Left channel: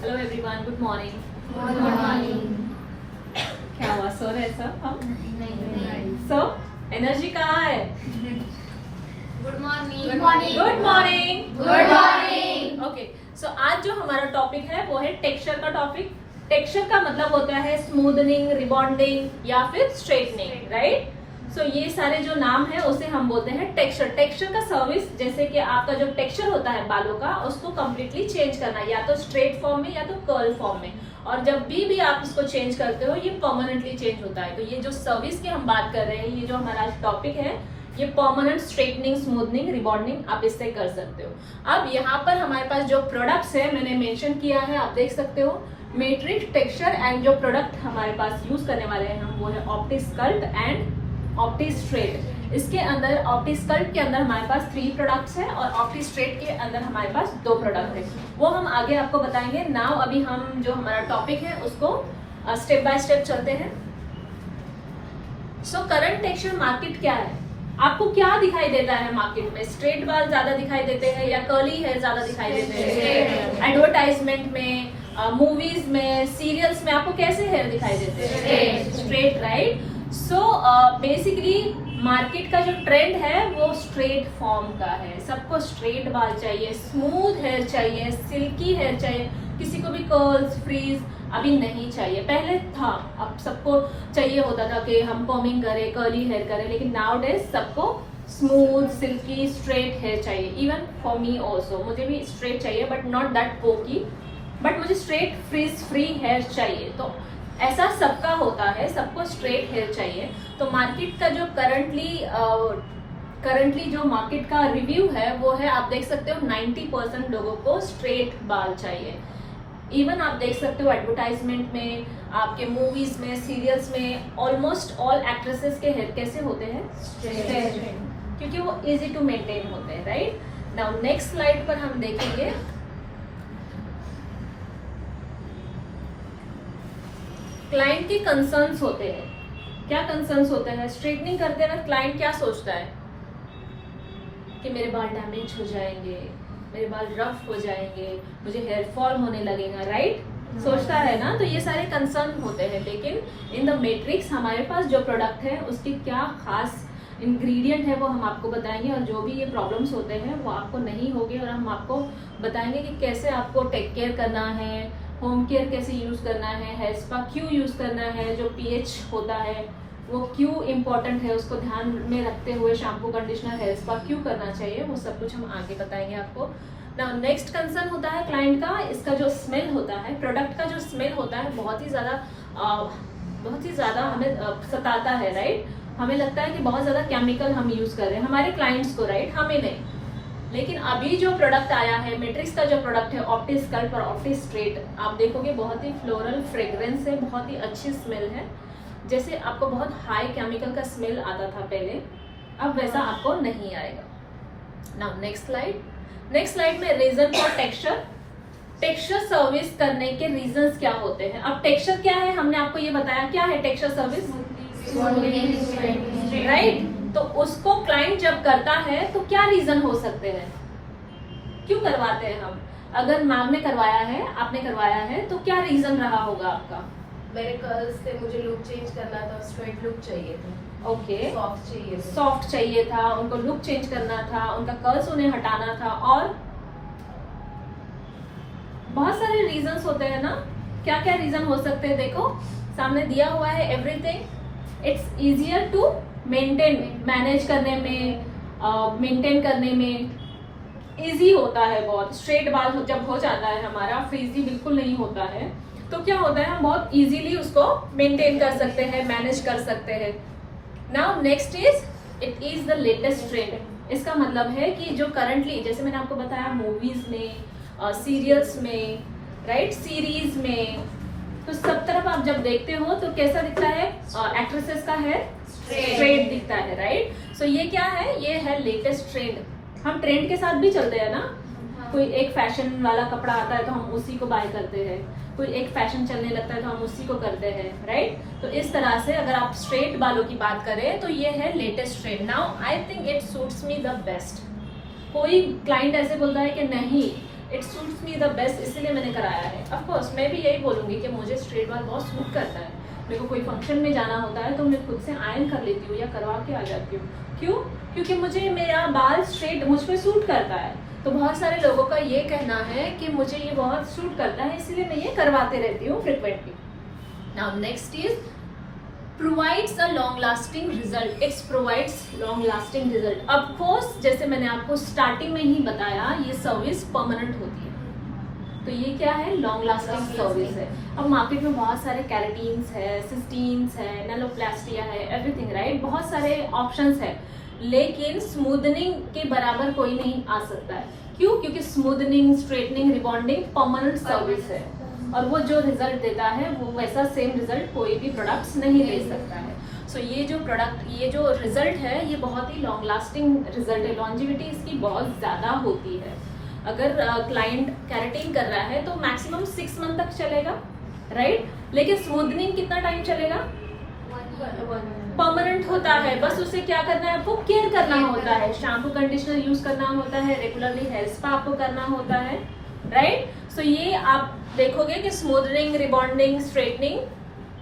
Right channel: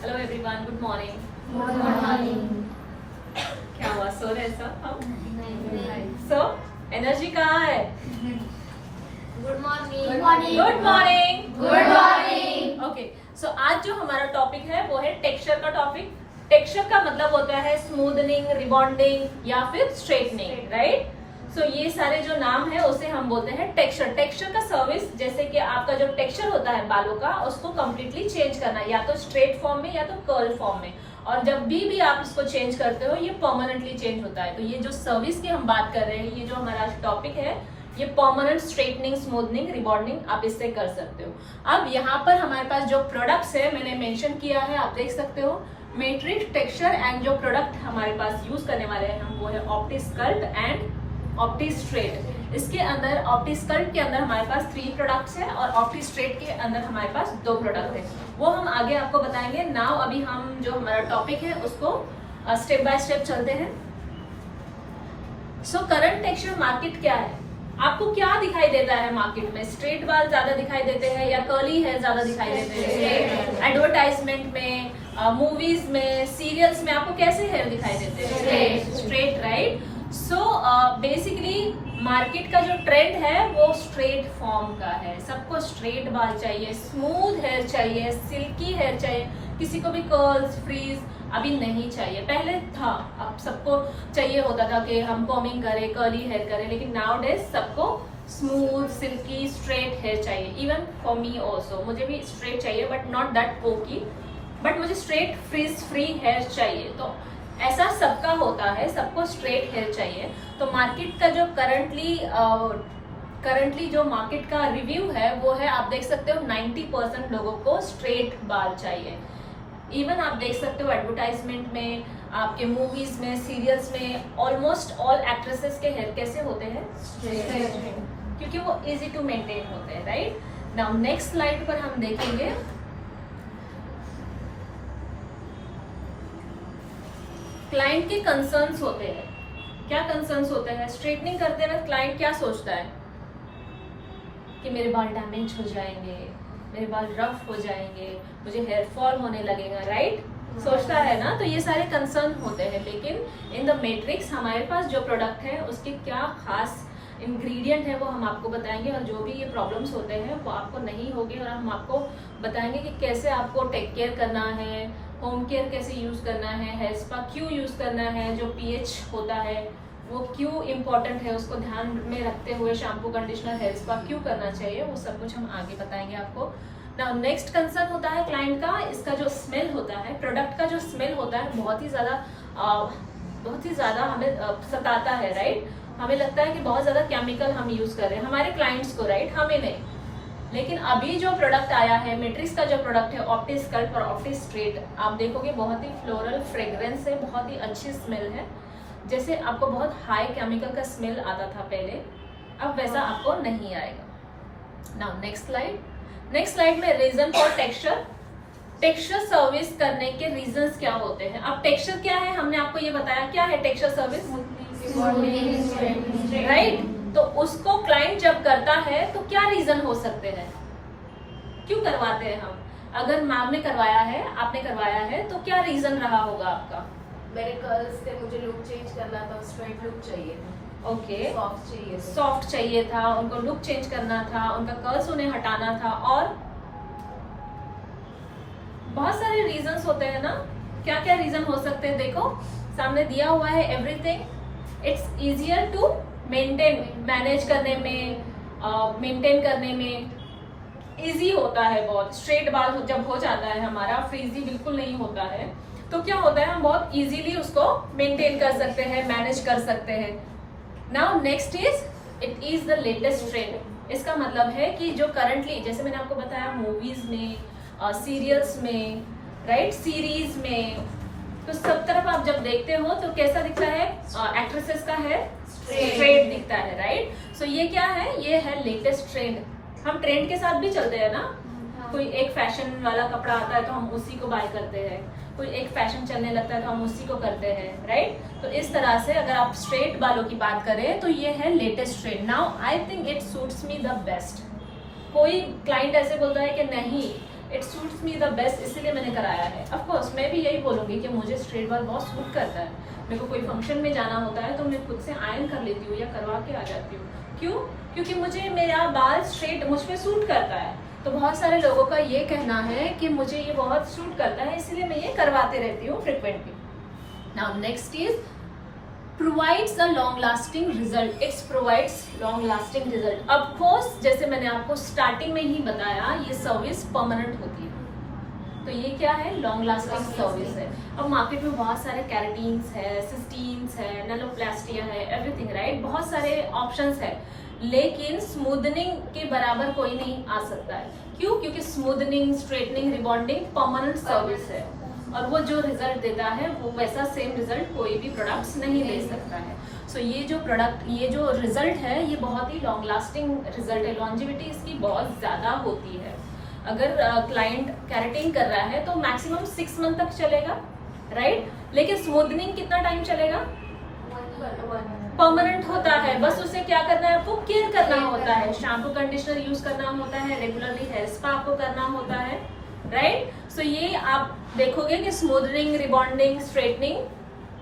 Hello everyone, good morning. Good morning. क्या हुआ, सो रहे सब हम? नहीं। सो एनर्जी कहाँ है? Good morning. Good morning. Good morning. Okay, so आज जो हमारा टॉपिक है वो है टेक्सचर का टॉपिक। टेक्सचर का मतलब होता है स्मूदनिंग, रिबॉन्डिंग या फिर स्ट्रेटनिंग, राइट? सो ये सारे जो नाम है उसे हम बोलते हैं टेक्सचर। टेक्सचर का सर्विस, जैसे कि आपका जो टेक्सचर होता है बालों का, उसको कम्प्लीटली चेंज करना, या तो स्ट्रेट फॉर्म में या तो कर्ल फॉर्म में। और जब भी आप इसको चेंज करते हो ये परमानेंटली चेंज होता है। तो ये जो सर्विस की हम बात कर रहे हैं, ये जो हमारा टॉपिक है, ये परमानेंट स्ट्रेटनिंग, स्मूथनिंग, रिबॉन्डिंग आप इससे कर सकते हो। अब यहाँ पर हमारे पास जो प्रोडक्ट्स है मैंने मेंशन किया है, आप देख सकते हो, मैट्रिक्स, टेक्सचर एंड जो प्रोडक्ट हमारे पास यूज करने वाले हैं हम, वो है ऑप्टिस्कल्प एंड ऑप्टिस्ट्रेट। इसके अंदर ऑप्टिस्कल्प के अंदर हमारे पास 3 प्रोडक्ट्स हैं और ऑप्टिस्ट्रेट के अंदर हमारे पास 2 प्रोडक्ट हैं। वो हम आगे आपको बताएंगे। नाउ अभी हम जो हमारा टॉपिक है उसको स्टेप बाय स्टेप चलते हैं। सो करंट टेक्सचर मार्केट क्या है? आपको क्या दिखाई देता है मार्केट में? स्ट्रेट बाल ज्यादा दिखाई देते हैं या कर्ली हेयर ज्यादा दिखाई देते हैं? एडवर्टाइजमेंट में, मूवीज में, सीरियल्स में आपको कैसे हेयर दिखाई देते हैं? Straight, right? So basically market का जो ट्रेंड है वो स्ट्रेट फॉर्म का है। सबको स्ट्रेट बाल चाहिए, स्मूथ हेयर चाहिए, सिल्की हेयर चाहिए, किसी को भी कर्ल्स, फ्रीज अभी नहीं चाहिए। पहले था, अब सबको चाहिए होता था कि हम कॉमिंग करें, कर्ली हेयर करें, लेकिन नाउ डेज सबको स्मूथ, सिल्की, स्ट्रेट हेयर चाहिए। इवन फॉर मी ऑल्सो, मुझे भी स्ट्रेट चाहिए but not that poke, but मुझे स्ट्रेट फ्रीज फ्री हेयर चाहिए। तो ऐसा सबका होता है, सबको स्ट्रेट हेयर चाहिए। तो मार्केट का जो करंटली जो मार्केट का रिव्यू है वो है, आप देख सकते हो 90% लोगों को स्ट्रेट बाल चाहिए। इवन आप देख सकते हो एडवर्टाइजमेंट में, आपके मूवीज में, सीरियल्स में, ऑलमोस्ट ऑल एक्ट्रेसेस के हेयर कैसे होते हैं? स्ट्रेट, क्योंकि वो इजी टू मेंटेन होते हैं, राइट? नाउ नेक्स्ट स्लाइड पर हम देखेंगे क्लाइंट के कंसर्न्स होते हैं। क्या कंसर्न्स होते हैं? स्ट्रेटनिंग करते वक्त क्लाइंट क्या सोचता है कि मेरे बाल डैमेज हो जाएंगे, मेरे बाल रफ हो जाएंगे, मुझे हेयर फॉल होने लगेगा, राइट? सोचता है ना? तो ये सारे कंसर्न होते हैं। लेकिन इन द मैट्रिक्स हमारे पास जो प्रोडक्ट है उसके क्या खास इंग्रेडिएंट है वो हम आपको बताएंगे, और जो भी ये प्रॉब्लम्स होते हैं वो आपको नहीं होंगे, और हम आपको बताएंगे कि कैसे आपको टेक केयर करना है, होम केयर कैसे यूज करना है, हेयर स्पा क्यों यूज करना है, जो पीएच होता है वो क्यों इम्पोर्टेंट है, उसको ध्यान में रखते हुए शैम्पू, कंडीशनर, हेयर स्पा क्यों करना चाहिए, वो सब कुछ हम आगे बताएंगे आपको। नाउ नेक्स्ट कंसर्न होता है क्लाइंट का, इसका जो स्मेल होता है, प्रोडक्ट का जो स्मेल होता है बहुत ही ज्यादा हमें सताता है, राइट? हमें लगता है कि बहुत ज्यादा केमिकल हम यूज कर रहे हैं हमारे क्लाइंट्स को, राइट? हमें नहीं। लेकिन अभी जो प्रोडक्ट आया है, मैट्रिक्स का जो प्रोडक्ट है ऑप्टिस्कल्प और ऑप्टिस्ट्रेट, आप देखोगे बहुत ही फ्लोरल फ्रेग्रेंस है, बहुत ही अच्छी स्मेल है। जैसे आपको बहुत हाई केमिकल का स्मेल आता था पहले, अब वैसा आपको नहीं आएगा। नाउ नेक्स्ट स्लाइड में reason for texture. Texture service करने के रीजंस क्या होते हैं? अब टेक्सचर क्या है हमने आपको ये बताया, क्या है टेक्सचर सर्विस, राइट? तो उसको क्लाइंट जब करता है तो क्या रीजन हो सकते हैं, क्यों करवाते हैं हम? अगर मैम ने करवाया है, आपने करवाया है, तो क्या रीजन रहा होगा आपका? मेरे कर्ल्स थे, मुझे लुक चेंज करना था, स्ट्रेट लुक चाहिए था। ओके, सॉफ्ट चाहिए था, उनको लुक चेंज करना था, उनका कर्ल्स उन्हें हटाना था, और बहुत सारे रीजंस होते हैं ना। क्या क्या रीजन हो सकते हैं? देखो सामने दिया हुआ है everything. It's easier to maintain, manage करने में, मेंटेन करने में इजी होता है बहुत। स्ट्रेट बाल जब हो जाता है हमारा, फ्रीजी बिल्कुल नहीं होता है, तो क्या होता है हम बहुत इजीली उसको मेंटेन कर सकते हैं, मैनेज कर सकते हैं। Now next is it is the latest trend. इसका मतलब है कि जो करंटली, जैसे मैंने आपको बताया, मूवीज में, सीरियल्स में, राइट, सीरीज में, तो सब तरफ आप जब देखते हो तो कैसा दिखता है? एक्ट्रेसेस का हेयर स्ट्रेट दिखता है, राइट? सो ये क्या है? ये है लेटेस्ट ट्रेंड। हम ट्रेंड के साथ भी चलते हैं ना। कोई एक फैशन वाला कपड़ा आता है तो हम उसी को बाय करते हैं, कोई एक फैशन चलने लगता है तो हम उसी को करते हैं, राइट? तो इस तरह से अगर आप स्ट्रेट बालों की बात करें तो ये है latest trend. Now I think it suits me the best. कोई क्लाइंट ऐसे बोलता है कि नहीं, it suits me the best, इसीलिए मैंने कराया है। ऑफ कोर्स मैं भी यही बोलूँगी कि मुझे स्ट्रेट बाल बहुत सूट करता है। मेरे को कोई फंक्शन में जाना होता है तो मैं खुद से आयरन कर लेती हूँ या करवा के आ जाती हूँ। क्यों? क्योंकि मुझे मेरा बाल स्ट्रेट मुझ पर सूट करता है। तो बहुत सारे लोगों का ये कहना है कि मुझे ये बहुत सूट करता है, इसलिए मैं ये करवाते रहती हूँ frequently. Now next is provides a long lasting result. It provides long lasting result. Of course, जैसे मैंने आपको स्टार्टिंग में ही बताया, ये सर्विस परमानेंट होती है। तो ये क्या है? लॉन्ग लास्टिंग सर्विस है। अब मार्केट में बहुत सारे कैरेटीन्स है, सिस्टीन्स है, नैनोप्लास्टिया है, एवरीथिंग राइट, बहुत सारे ऑप्शंस है, लेकिन स्मूदनिंग के बराबर कोई नहीं आ सकता है। क्यों? क्योंकि smoothening, straightening, rebonding permanent service है और वो जो रिजल्ट देता है वो वैसा सेम रिजल्ट कोई भी प्रोडक्ट्स नहीं दे सकता है। सो ये जो रिजल्ट है ये बहुत ही लॉन्ग लास्टिंग रिजल्ट है। लॉन्जिविटी इसकी बहुत ज़्यादा होती है। अगर क्लाइंट कैरेटिन कर रहा है तो मैक्सिमम 6 मंथ तक चलेगा, राइट? लेकिन स्मूदनिंग कितना टाइम चलेगा? परमानेंट होता है। बस उसे क्या करना है? आपको केयर करना होता है, शैम्पू कंडीशनर यूज करना होता है, रेगुलरली हेयर स्पा आपको करना होता है, राइट? सो ये आप देखोगे कि स्मूदनिंग, रिबॉन्डिंग, स्ट्रेटनिंग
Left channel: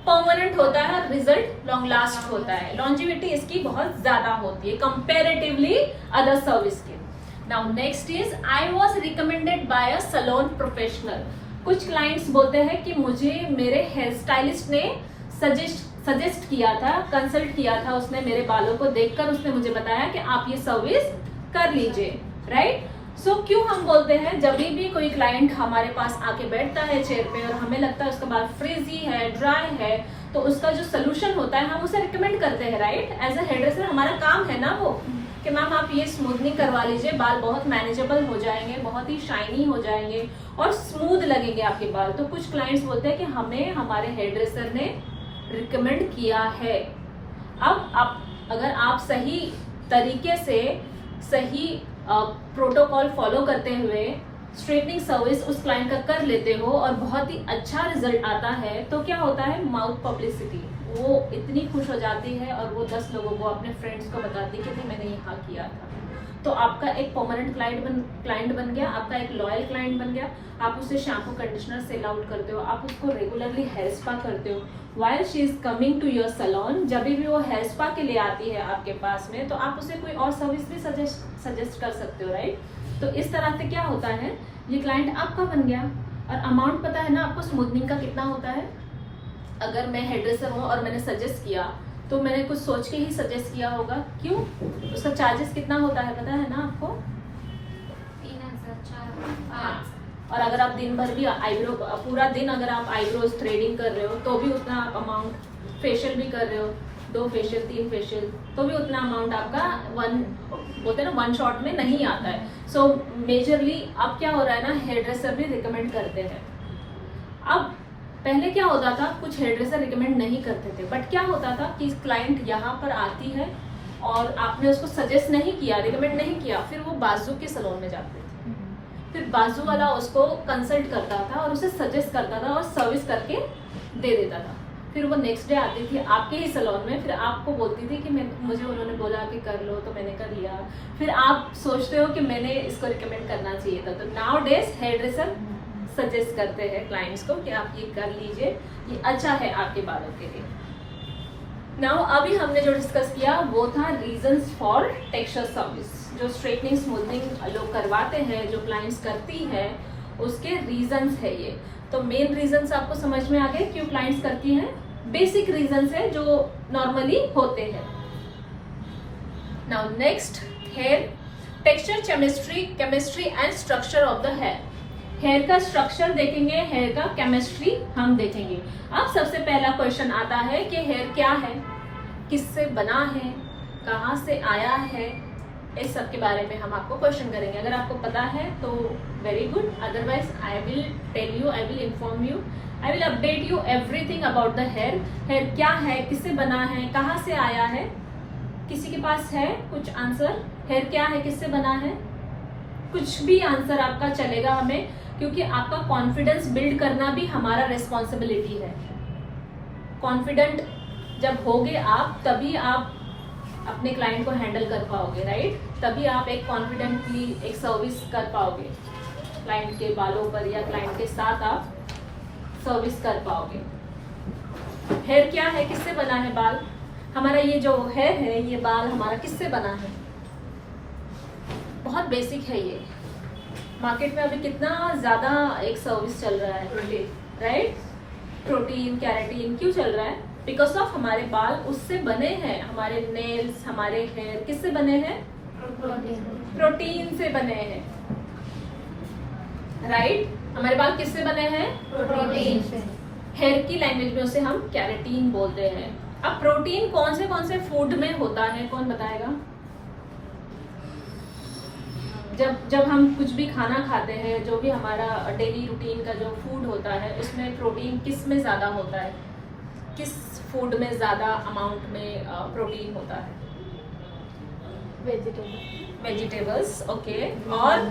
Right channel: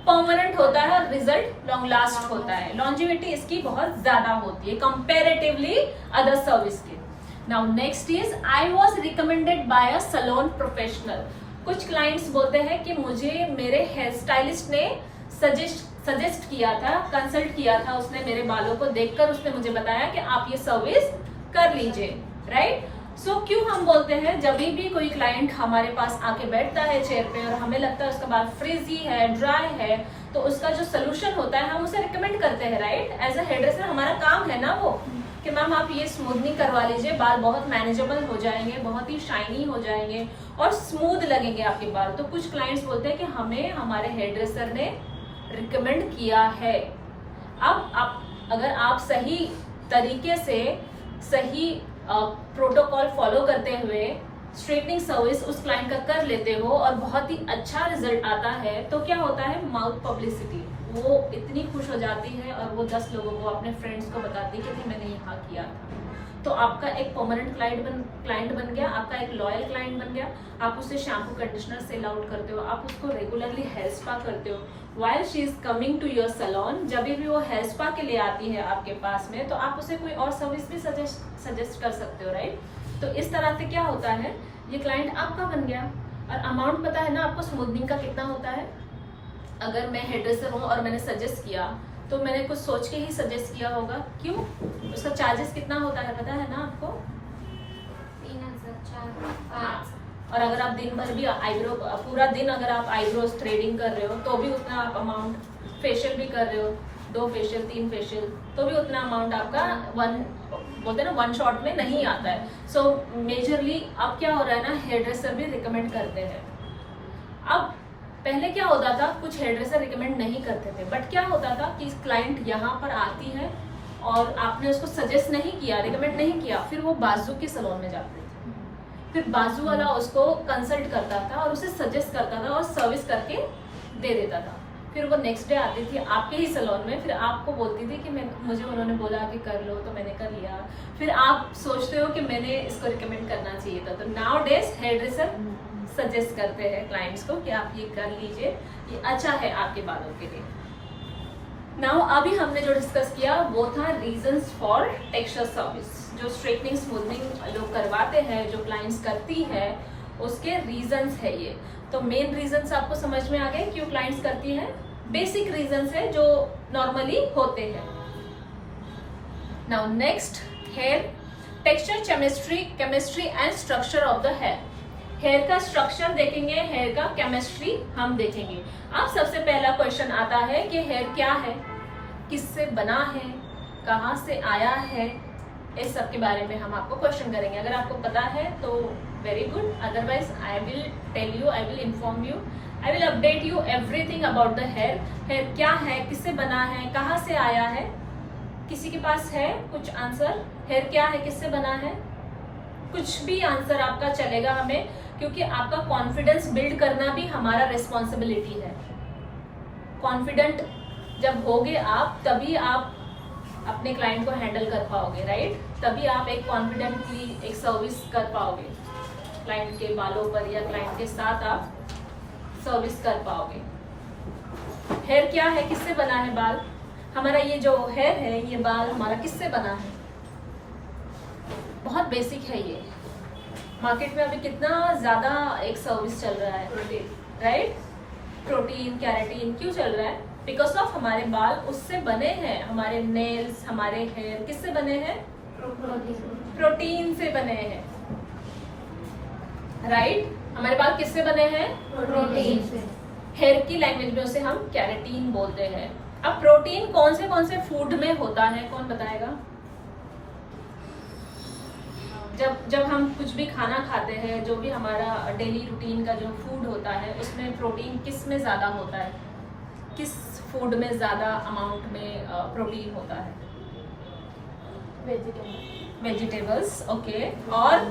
परमानेंट होता है और रिजल्ट लॉन्ग लास्ट होता है। लॉन्जिविटी इसकी बहुत ज्यादा होती है कंपैरेटिवली अदर सर्विस के। Now next is I was recommended by a salon professional. कुछ क्लाइंट्स बोलते हैं कि मुझे मेरे हेयर स्टाइलिस्ट ने सजेस्ट किया था, कंसल्ट किया था, उसने मेरे बालों को देखकर उसने मुझे बताया कि आप ये सर्विस कर लीजिए, राइट? सो क्यों हम बोलते हैं, जब भी कोई क्लाइंट हमारे पास आके बैठता है चेयर पे और हमें लगता है उसका बाल फ्रीजी है, ड्राई है, तो उसका जो सोल्यूशन होता है हम उसे रिकमेंड करते हैं, right? As a hairdresser हमारा काम है ना वो कि मैम आप ये स्मूथनिंग करवा लीजिए, बाल बहुत मैनेजेबल हो जाएंगे, बहुत ही शाइनी हो जाएंगे और स्मूथ लगेंगे आपके बाल। तो कुछ क्लाइंट्स बोलते हैं कि हमें हमारे हेयर ड्रेसर ने रिकमेंड किया है। अब अगर आप सही तरीके से सही प्रोटोकॉल फॉलो करते हुए स्ट्रेटनिंग सर्विस उस क्लाइंट का कर लेते हो और बहुत ही अच्छा रिजल्ट आता है, तो क्या होता है? माउथ पब्लिसिटी, वो इतनी खुश हो जाती है और वो 10 लोगों को, अपने फ्रेंड्स को बताती है कि मैंने यहाँ किया था। तो आपका एक परमानेंट क्लाइंट बन गया, आपका एक लॉयल क्लाइंट बन गया। आप उससे शैम्पू कंडीशनर सेल आउट करते हो, आप उसको रेगुलरली हेयर स्पा करते हो। While she is coming to your salon, जब भी वो हेयर स्पा के लिए आती है आपके पास में, तो आप उसे कोई और सर्विस भी सजेस्ट कर सकते हो, राइट? तो इस तरह से क्या होता है, ये क्लाइंट आपका बन गया। और अमाउंट पता है ना आपको स्मूथनिंग का कितना होता है? अगर मैं हेयर ड्रेसर हूँ और मैंने सजेस्ट किया तो मैंने कुछ सोच के ही सजेस्ट किया होगा। क्यों? उसका चार्जेस कितना होता है पता है ना आपको? 3,000। हाँ। और अगर आप दिन भर भी आईब्रो, पूरा दिन अगर आप आईब्रोज थ्रेडिंग कर रहे हो तो भी उतना आप अमाउंट, फेशियल भी कर रहे हो, 2 फेशियल 3 फेशियल, तो भी उतना अमाउंट आपका बोलते हैं ना 1 शॉट में नहीं आता है। सो मेजरली अब क्या हो रहा है ना, हेयर ड्रेसर भी रिकमेंड करते हैं। अब पहले क्या होता था, कुछ हेयर ड्रेसर रिकमेंड नहीं करते थे, बट क्या होता था कि क्लाइंट यहाँ पर आती है और आपने उसको सजेस्ट नहीं किया, रिकमेंड नहीं किया, फिर वो बाजू के सैलून में जाते थे, फिर बाजू वाला उसको कंसल्ट करता था और उसे सजेस्ट करता था और सर्विस करके दे देता था। फिर वो नेक्स्ट डे आती थी आपके ही सैलून में, फिर आपको बोलती थी कि मुझे उन्होंने बोला कि कर लो, तो मैंने कर लिया। फिर आप सोचते हो कि मैंने इसको रिकमेंड करना चाहिए था। तो nowadays hairdresser suggest करते हैं क्लाइंट्स को कि आप ये कर लीजिए, ये अच्छा है आपके बालों के लिए। नाउ अभी हमने जो डिस्कस किया वो था रीजंस फॉर टेक्सचर सर्विस। जो स्ट्रेटनिंग स्मूथनिंग लोग करवाते हैं, जो क्लाइंट्स करती है, उसके रीजंस है ये। तो मेन रीजंस आपको समझ में आ गए क्यों क्लाइंट्स करती हैं। बेसिक रीजंस है जो नॉर्मली होते हैं। Now next, hair texture, chemistry and structure of the hair. Hair का स्ट्रक्चर देखेंगे, हेयर का केमिस्ट्री हम देखेंगे। अब सबसे पहला क्वेश्चन आता है कि हेयर क्या है, किससे बना है, कहाँ से आया है, इस सब के बारे में हम आपको क्वेश्चन करेंगे। अगर आपको पता है तो very good, otherwise I will tell you, I will inform you, I will update you everything about the hair. Hair क्या है, किससे बना है, कहाँ से आया है। किसी के पास है कुछ आंसर? हेयर क्या है, किससे बना है? कुछ भी आंसर आपका चलेगा हमें, क्योंकि आपका कॉन्फिडेंस बिल्ड करना भी हमारा रिस्पॉन्सिबिलिटी है। कॉन्फिडेंट जब होगे आप, तभी आप अपने क्लाइंट को हैंडल कर पाओगे, राइट? तभी आप एक कॉन्फिडेंटली एक सर्विस कर पाओगे। क्लाइंट के बालों पर या क्लाइंट के साथ आप सर्विस कर पाओगे। हेयर क्या है, किससे बना है बाल? हमारा ये जो हेयर है, ये बाल हमारा किससे बना है? बहुत बेसिक है ये। मार्केट में अभी कितना ज्यादा एक सर्विस चल रहा है, राइट? प्रोटीन, कैराटीन क्यों चल रहा है? बिकॉज ऑफ हमारे बाल उससे बने हैं। हमारे नेल्स, हमारे हेयर किससे बने हैं? प्रोटीन से बने हैं, राइट? हमारे बाल किससे बने हैं? प्रोटीन। हेयर की लैंग्वेज में उसे हम कैराटीन बोलते हैं। अब प्रोटीन कौन से फूड में होता है, कौन बताएगा? जब हम कुछ भी खाना खाते हैं, जो भी हमारा डेली रूटीन का जो फूड होता है, उसमें प्रोटीन किस में ज्यादा होता है? किस फूड में ज्यादा अमाउंट में प्रोटीन होता है? Vegetables, okay. और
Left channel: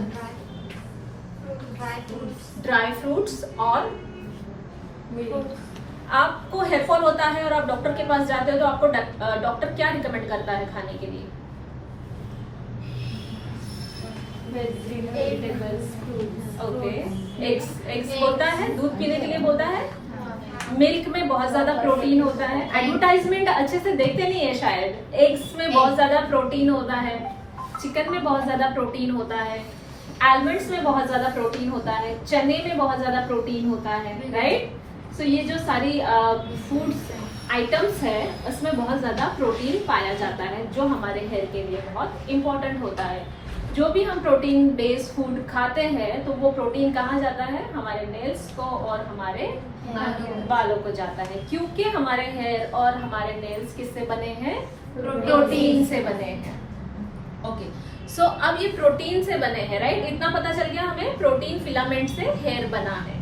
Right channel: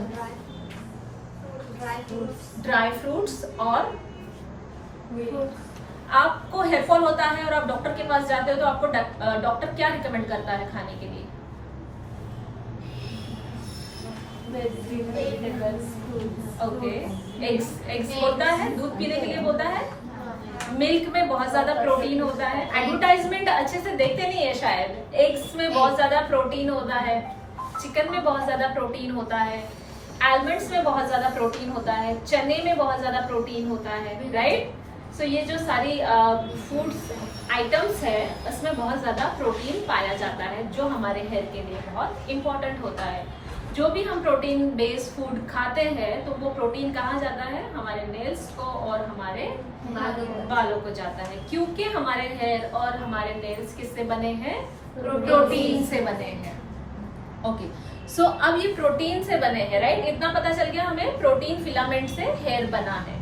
ड्राई फ्रूट्स। और आपको हेयर फॉल होता है और आप डॉक्टर के पास जाते हो तो आपको डॉक्टर क्या रिकमेंड करता है खाने के लिए? ओके। एग्स बोलता है, दूध पीने के लिए बोलता है। मिल्क में बहुत ज्यादा प्रोटीन होता है। एडवर्टाइजमेंट अच्छे से देखते नहीं है शायद। एग्स में बहुत ज्यादा प्रोटीन होता है, चिकन में बहुत ज्यादा प्रोटीन होता है, आलमंड्स में बहुत ज्यादा प्रोटीन होता है, चने में बहुत ज्यादा प्रोटीन होता है, राइट? सो ये जो सारी फूड्स आइटम्स है, उसमें बहुत ज्यादा प्रोटीन पाया जाता है, जो हमारे हेयर के लिए बहुत इंपॉर्टेंट होता है। जो भी हम प्रोटीन बेस्ड फूड खाते हैं, तो वो प्रोटीन कहाँ जाता है? हमारे नेल्स को और हमारे बालों को जाता है, क्योंकि हमारे हेयर और हमारे नेल्स किससे बने हैं? प्रोटीन से बने हैं। ओके, सो अब ये प्रोटीन से बने हैं, राइट? इतना पता चल गया हमें, प्रोटीन फिलामेंट से हेयर बना है।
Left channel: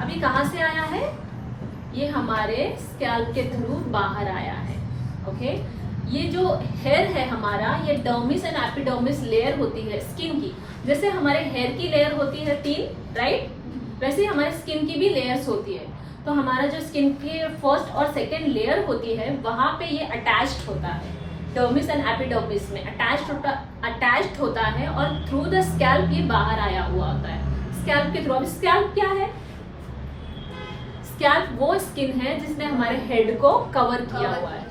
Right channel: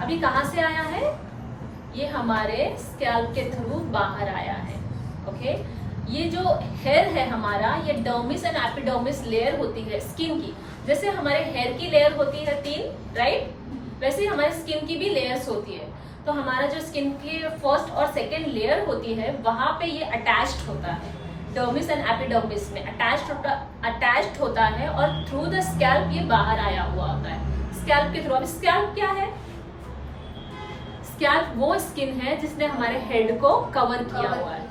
अभी कहाँ से आया है? ये हमारे स्कैल्प के थ्रू बाहर आया है, ओके? ये जो हेयर है हमारा, ये डर्मिस एंड एपिडर्मिस लेयर होती है स्किन की। जैसे हमारे हेयर की लेयर होती है 3, राइट? वैसे ही हमारे स्किन की भी लेयर्स होती है। तो हमारा जो स्किन की फर्स्ट और सेकेंड लेयर होती है, वहां पे ये अटैच्ड होता है। डर्मिस एंड एपिडर्मिस में अटैच्ड होता है और थ्रू द स्कैल्प ये बाहर आया हुआ होता है, स्कैल्प के थ्रू। अब स्कैल्प क्या है? स्कैल्प वो स्किन है जिसने हमारे हेड को कवर किया हुआ है।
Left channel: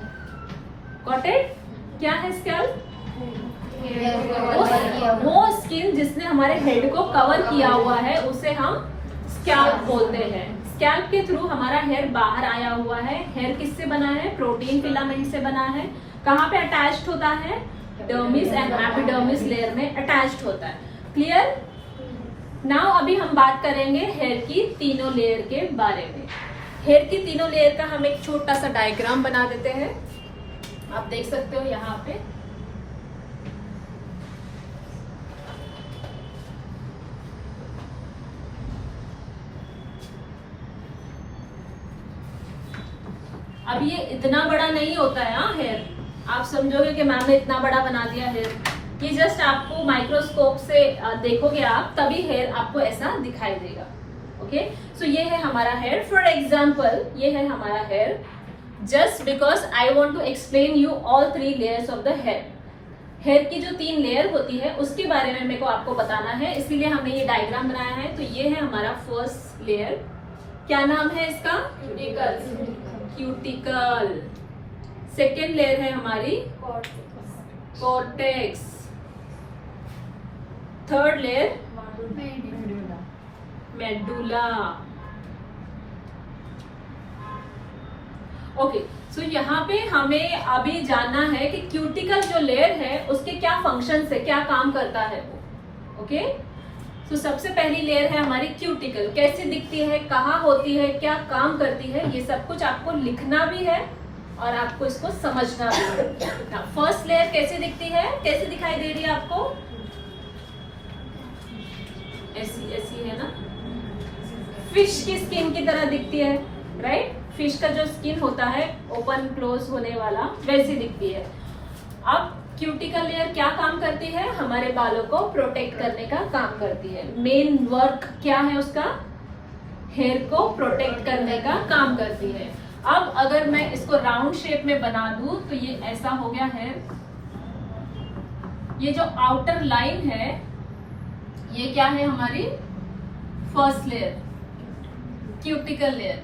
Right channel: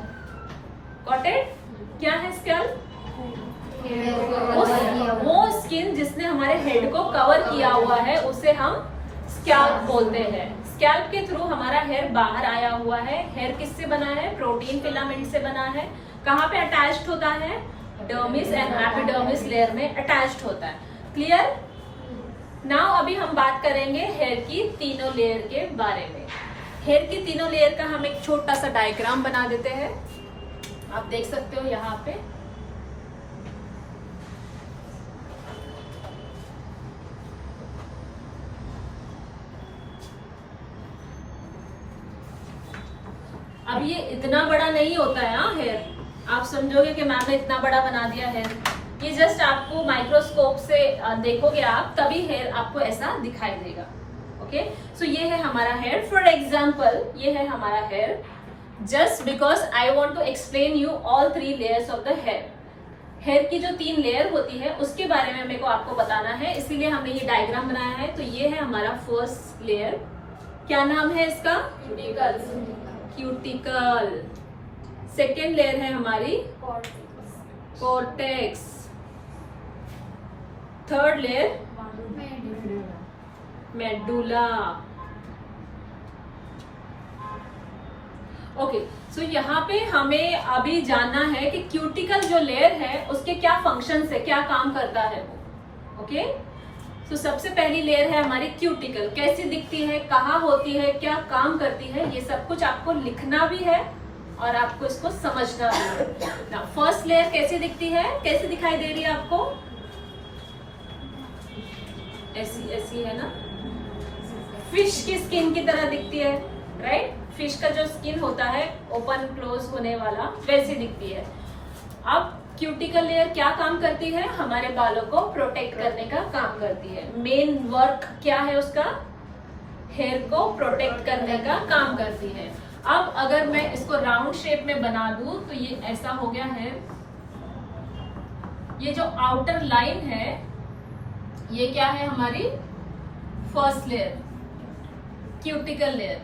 Got it? क्या है स्कैल्प? वो स्किन जिसने हमारे हेड को कवर किया हुआ है, उसे हम स्कैल्प बोलते हैं। स्कैल्प के थ्रू हमारा हेयर बाहर आया हुआ है। हेयर किससे बना है? प्रोटीन फिलामेंट से बना है। कहाँ पे अटैच्ड होता है? डर्मिस एंड एपिडर्मिस लेयर में अटैच्ड होता है। क्लियर? नाउ अभी हम बात करेंगे हेयर की तीनों लेयर के बारे में। हेयर की तीनों लेयर का हम एक छोटा सा डायग्राम बना देते हैं। आप देख सकते हो यहाँ पे। अब ये इतना बड़ा नहीं होता है हाँ हेयर। आप समझोगे कि मैम ने इतना बड़ा बना दिया हेयर। ये जस्ट आपको माइक्रोस्कोप से देखोगे आप, तभी हेयर आपको ऐसा दिखाई देगा। ओके, सो ये है हमारा हेयर। फॉर एग्जाम्पल ये है हमारा hair. Just because I want to explain you all 3 layers of the hair. Hair की जो 3 लेयर होती है उसके बारे में मेरे को आपको बताना है, इसीलिए हमने ये डायग्राम बनाया है। तो ये है हमारा फर्स्ट लेयर। क्या नाम है इसका? क्यूटिकल। सेकेंड लेयर है हमारी cortex. Third layer medulla. Okay, so यहाँ पे हमें अभी जानना है कि क्यूटिकल जो लेयर है उसके क्या फंक्शंस है, क्या काम करता है वो। ओके, तो सबसे पहली लेयर है हमारी क्यूटिकल। कैसी दिखती है, कहाँ होती है, क्या काम करती है, ये सब कुछ आपको लिखना भी है और आपको इसको समझना भी है। फर्स्ट लेयर कैसे दिखती है, कैसे दिखाई दे रही है आपको? ऐसी ऐसी है ना, फिश की स्किन की तरह दिखती है, राइट? फिश का जो स्किन होता है ओपन क्लोज होने वाला, वैसी दिखती है। अब क्यूटिकल लेयर क्या काम करती है? हमारे बालों को प्रोटेक्ट करने का काम करती है। मेन वर्क क्या है उसका? हेयर को प्रोटेक्ट करने का काम करती है। अब अगर मैं इसको राउंड शेप में बना दूं तो ये ऐसा हो गया है। ये जो आउटर लाइन है ये क्या है हमारी? First layer cuticle layer,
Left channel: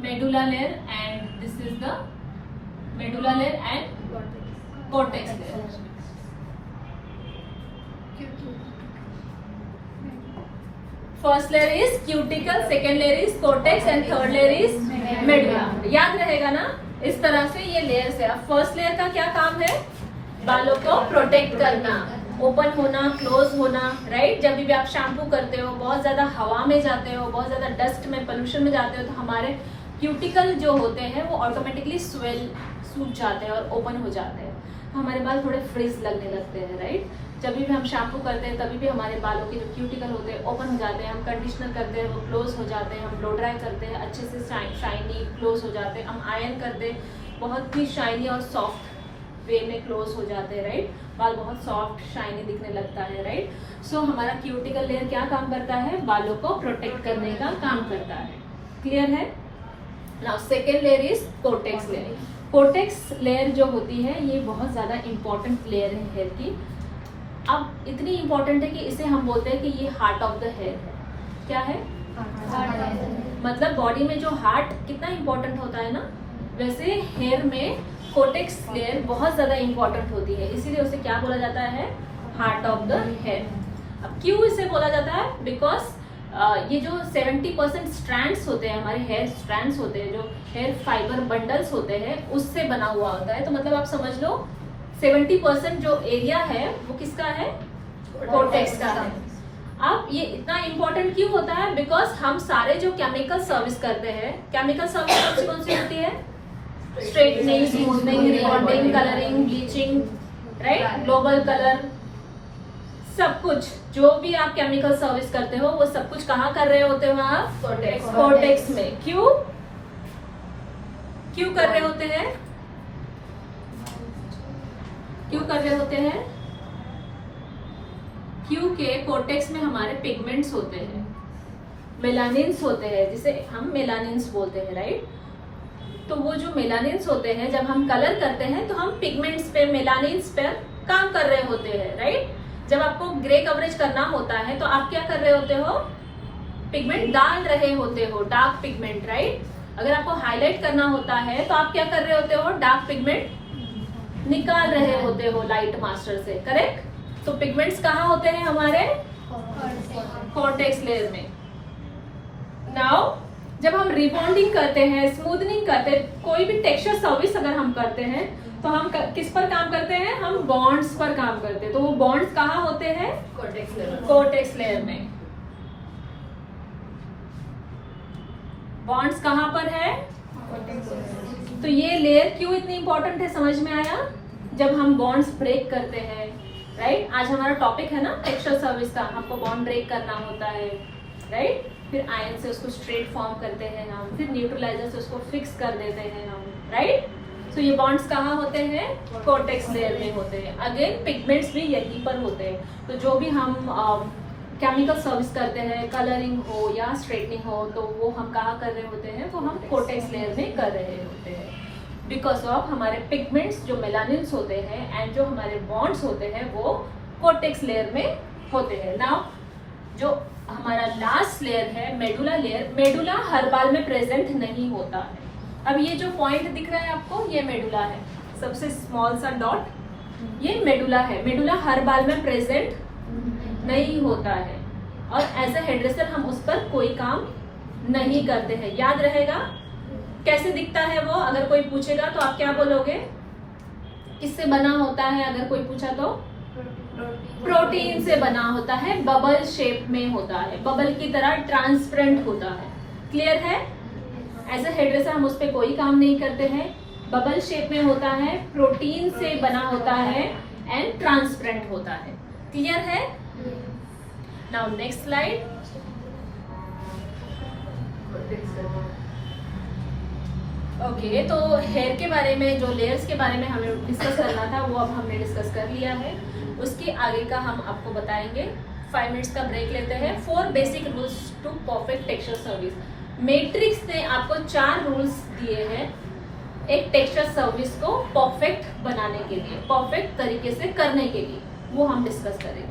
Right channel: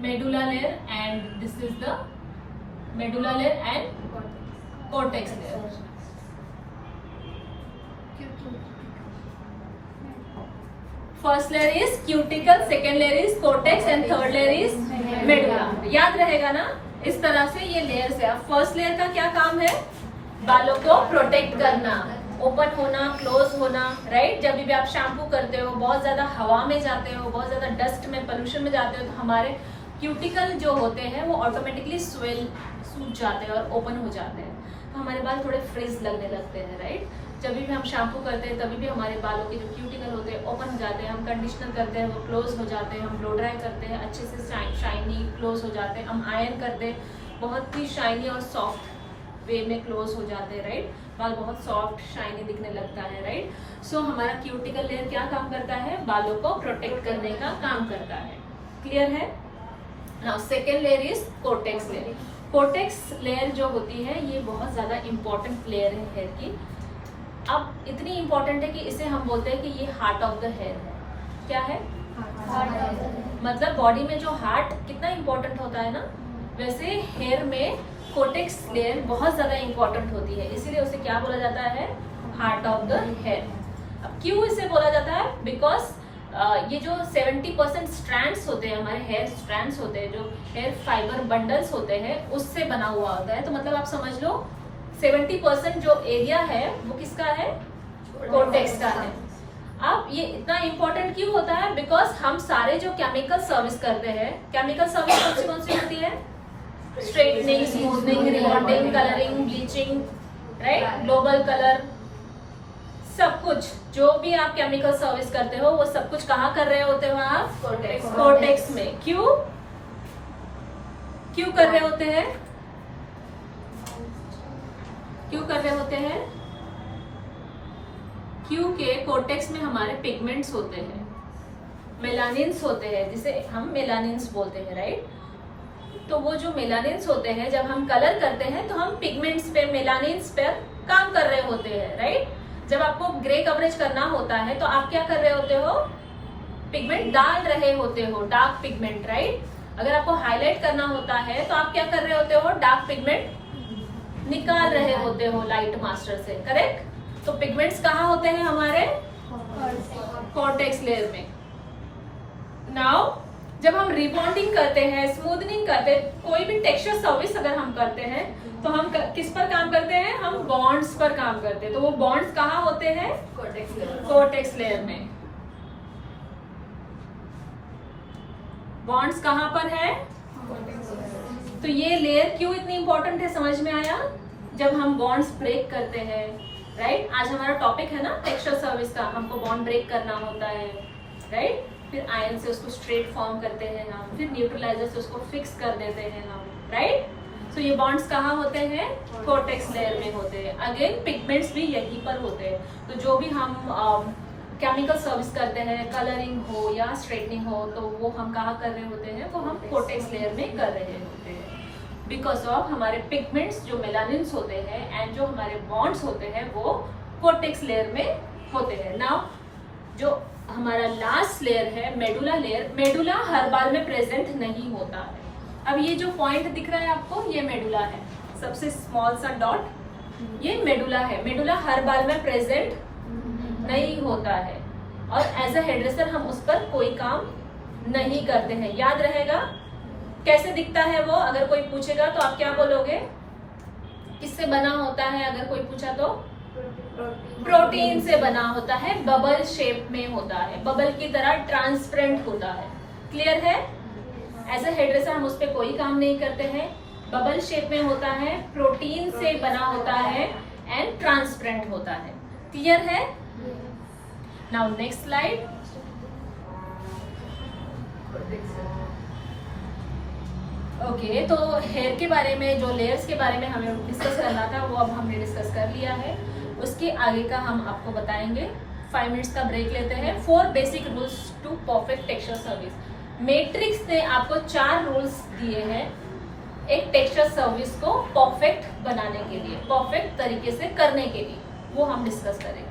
medulla layer, and this is the medulla layer and cortex layer. First layer is cuticle, second layer is cortex and third layer is medulla. याद रहेगा ना, इस तरह से ये लेयर्स है. फर्स्ट लेयर का क्या काम है? बालों को प्रोटेक्ट करना, ओपन होना, क्लोज होना, राइट. जब भी आप शैम्पू करते हो, बहुत ज्यादा हवा में जाते हो, बहुत ज्यादा डस्ट में, पोल्यूशन में जाते हो, तो हमारे क्यूटिकल जो होते हैं वो ऑटोमेटिकली सूख जाते हैं और ओपन हो जाते हैं. तो हमारे बाल थोड़े फ्रीज लगने लगते हैं, राइट. जब भी हम शैम्पू करते हैं तभी भी हमारे बालों के जो क्यूटिकल होते हैं ओपन हो जाते हैं. हम कंडीशनर करते हैं वो क्लोज हो जाते हैं. हम ब्लो ड्राई करते हैं अच्छे से शाइनी क्लोज हो जाते हैं. हम आयरन करते हैं बहुत ही शाइनी और सॉफ्ट वे में क्लोज हो जाते हैं, राइट. बाल बहुत सॉफ्ट शाइनी दिखने लगता है, राइट. सो हमारा क्यूटिकल लेयर क्या काम करता है? बालों को प्रोटेक्ट करने का काम करता है. क्लियर है? Now second layer is cortex layer. Cortex layer जो होती है ये बहुत ज्यादा इंपॉर्टेंट लेयर है हेयर की. अब इतनी इंपॉर्टेंट है कि इसे हम बोलते हैं कि ये हार्ट ऑफ द हेयर है. क्या है? मतलब बॉडी में जो हार्ट कितना इंपॉर्टेंट होता है ना, वैसे हेयर में कॉर्टेक्स लेयर बहुत ज्यादा इंपॉर्टेंट होती है. इसीलिए उसे क्या बोला जाता है? Heart of the hair. अब क्यों इसे बोला जाता है? बिकॉज ये जो 70% स्ट्रैंड्स होते हैं, हमारे हेयर स्ट्रैंड्स होते हैं, जो हेयर फाइबर बंडल्स होते हैं, उससे बना हुआ होता है. तो मतलब आप समझ लो 70% जो एरिया है वो किसका है? कॉर्टेक्स का है. अब ये इतना इंपॉर्टेंट क्यों होता है? बिकॉज हम सारे जो केमिकल सर्विस करते हैं, केमिकल सर्विस कौन सी होती है? Straightening, smoothening, rebonding, colouring, bleaching, right, global colour, सब कुछ जो भी आप केमिकल सर्विस करते हो वो सब कुछ कहाँ कर रहे होते हो आप? कॉर्टेक्स में. क्यों कर रहे होते हैं? क्यों कर रहे होते हैं? क्योंकि कॉर्टेक्स में हमारे पिगमेंट्स होते हैं, मेलानिन्स होते हैं, जिसे हम मेलानिन्स बोलते हैं, राइट. तो वो जो मेलानिन्स होते हैं, जब हम कलर करते हैं तो हम पिगमेंट्स पे, मेलानिन्स पे काम कर रहे होते हैं, राइट. जब आपको ग्रे कवरेज करना होता है तो आप क्या कर रहे होते हो? पिगमेंट डाल रहे होते हो, डार्क पिगमेंट, राइट. अगर आपको हाईलाइट करना होता है तो आप क्या कर रहे होते हो? डार्क पिगमेंट निकाल रहे होते हो लाइट मास्टर से, करेक्ट. तो पिगमेंट्स कहाँ होते हैं? हमारे कॉर्टेक्स लेयर में. नाउ जब हम रिबॉन्डिंग करते हैं, स्मूथनिंग करते हैं, कोई भी टेक्सचर सर्विस अगर हम करते हैं तो हम किस पर काम करते हैं? हम बॉन्ड्स पर काम करते हैं. तो वो बॉन्ड्स कहाँ होते हैं? कॉर्टेक्स लेयर में. बॉन्ड्स कहाँ पर है? तो ये लेयर क्यों इतनी इंपॉर्टेंट है समझ में आया? जब हम बॉन्ड्स ब्रेक करते हैं, राइट. आज हमारा टॉपिक है ना टेक्सचर सर्विस का. हमको बॉन्ड ब्रेक करना होता है, राइट. फिर आयरन से उसको स्ट्रेट फॉर्म करते हैं हम, फिर न्यूट्रलाइजर से उसको फिक्स कर देते हैं हम, राइट. तो ये बॉन्ड्स कहाँ होते हैं? कॉर्टेक्स लेयर में होते हैं. अगेन पिगमेंट्स भी यहीं पर होते हैं. तो जो भी हम केमिकल सर्विस करते हैं, कलरिंग हो या स्ट्रेटनिंग हो, तो वो हम कहाँ कर रहे होते हैं? वो हम कॉर्टेक्स लेयर में कर रहे होते हैं. बिकॉज ऑफ हमारे पिगमेंट्स जो मेलानिन्स होते हैं एंड जो हमारे बॉन्ड्स होते हैं वो कॉर्टेक्स लेयर में होते हैं. नाउ जो हमारा लास्ट लेयर है मेडुला लेयर, मेडुला हर बाल में प्रेजेंट नहीं होता है. अब ये जो पॉइंट दिख रहा है आपको, ये मेडुला है, सबसे स्मॉल सा डॉट, ये मेडुला है. मेडुला हर बाल में प्रेजेंट नहीं होता है और एज अ हेयरड्रेसर हम उस पर कोई काम नहीं करते हैं. याद रहेगा कैसे दिखता है वो? अगर कोई पूछेगा तो आप क्या बोलोगे? किससे बना होता है? अगर कोई पूछा तो प्रोटीन से बना होता है, बबल शेप में होता है, बबल की तरह ट्रांसपेरेंट होता है. क्लियर है? एज अ हेयरड्रेसर हम उस पर कोई काम नहीं करते हैं. बबल शेप में होता है, प्रोटीन से बना होता है एंड ट्रांसपेरेंट होता है. क्लियर है? Now next slide. ओके, तो हेयर के बारे में, जो लेयर्स के बारे में हमें डिस्कस करना था वो अब हमने डिस्कस कर लिया है. उसके आगे का हम आपको बताएंगे. 5 मिनट्स का ब्रेक लेते हैं. 4 basic rules to perfect texture service. Matrix ने आपको 4 रूल्स दिए हैं एक टेक्सचर सर्विस को परफेक्ट बनाने के लिए, परफेक्ट तरीके से करने के लिए. वो हम डिस्कस करेंगे.